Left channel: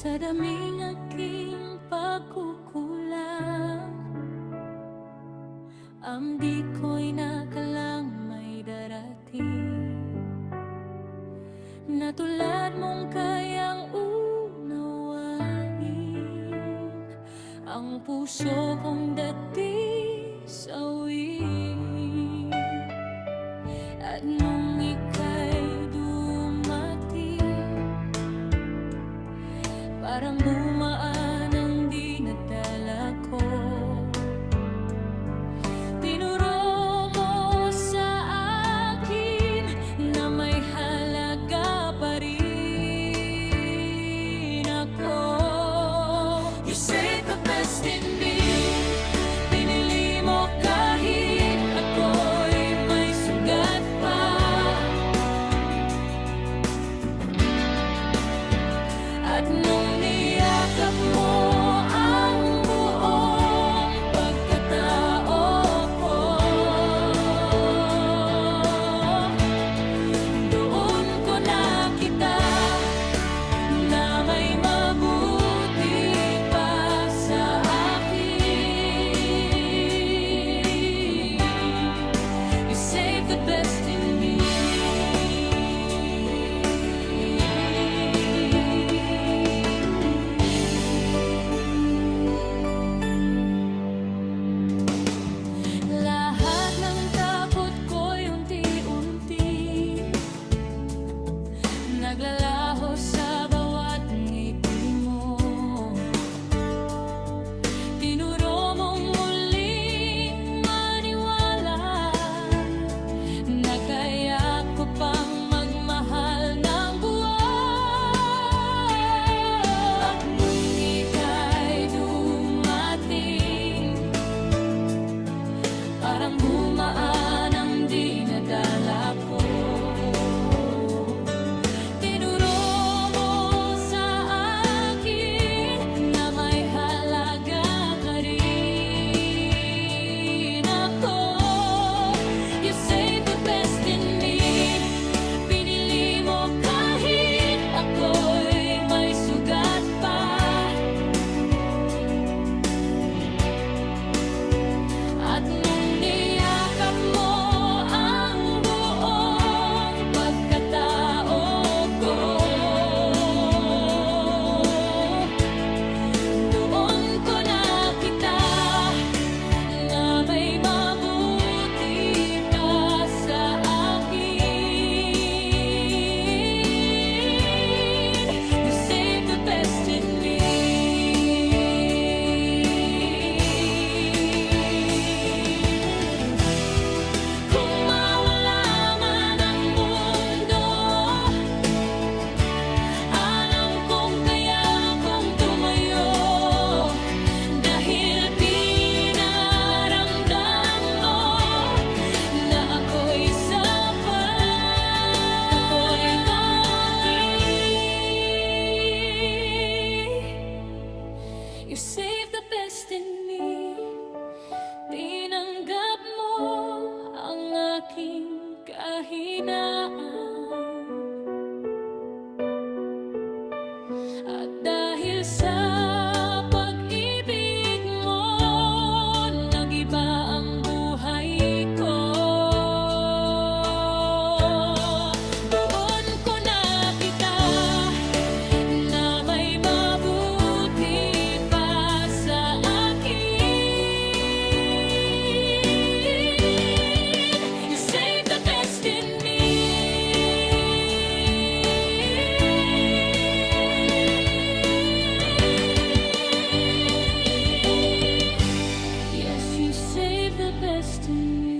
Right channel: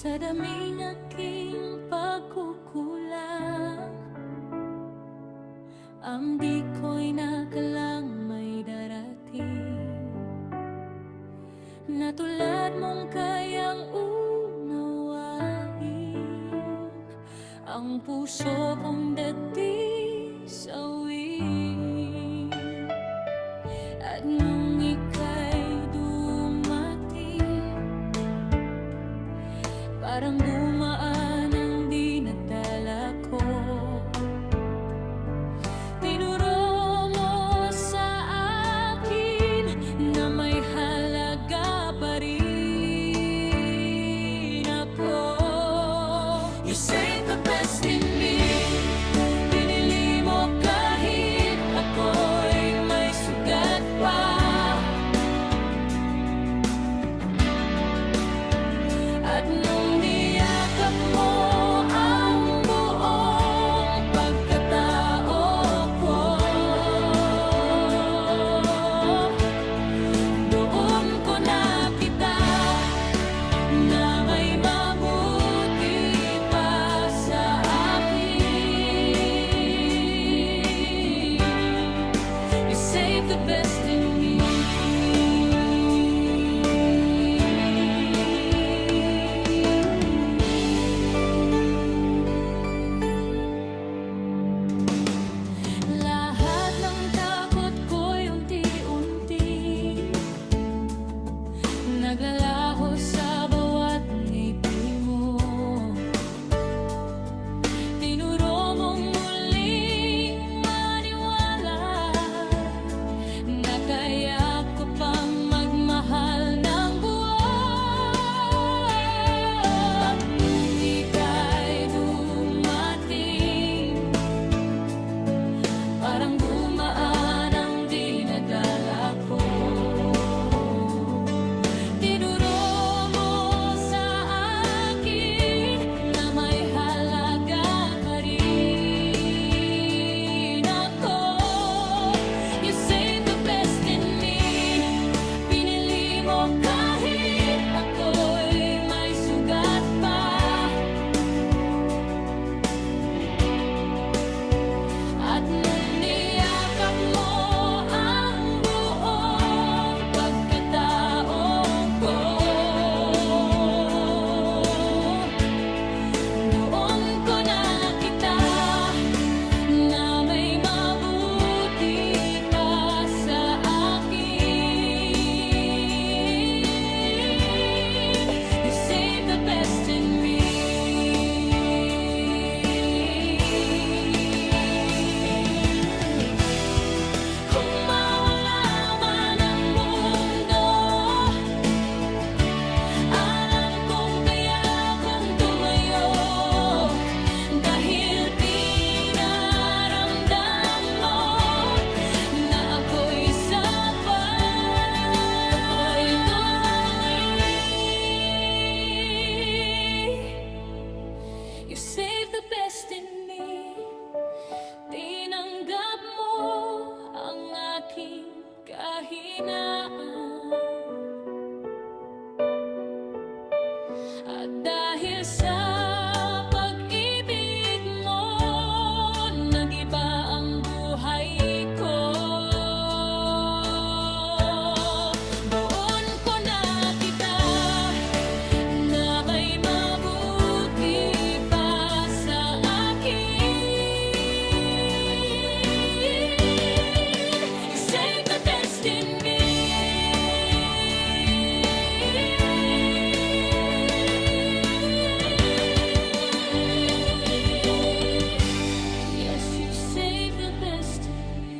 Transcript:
Sa daming aking pagkukulang, di ko'y nakalang may darating na tulad mong kayang unawain ang puso kong dati sawiin. At nung ika'y dumating, parang gumaan ang dinadala ko. Tinuro mo sa akin na may halaga pa rin ako. You saved the best in me. Pinili mo kahit ako'y may sugat pa. At nung niyakap mo ang buong pagkatao ko, doon ko nakita na may mabuti pa sa akin. You saved the best in me. Lahat ng takot ko'y unti-unti naglalaho sa bawat ngiti mo. Tinuro mong muling maniwala na kaya ko pang magmahal ng buwan. At nung ika'y dumating, parang gumaan ang dinadala ko. Tinuro mo sa akin na may halaga ka rin ako. You saved the best in me. Pinili mo kahit ako'y may sugat pa. At nung niyakap mo ang buong pagkatao ko, doon ko nakita na may mabuti pa sa akin. You saved the best in me. Ako'y sapat, ako'y tuloy. You saved the best in me. Tinanggap mo ang aking kahinaan. At dahil sa pag-ibig mo, nag-iba ang buhay ko. You saved the best in me.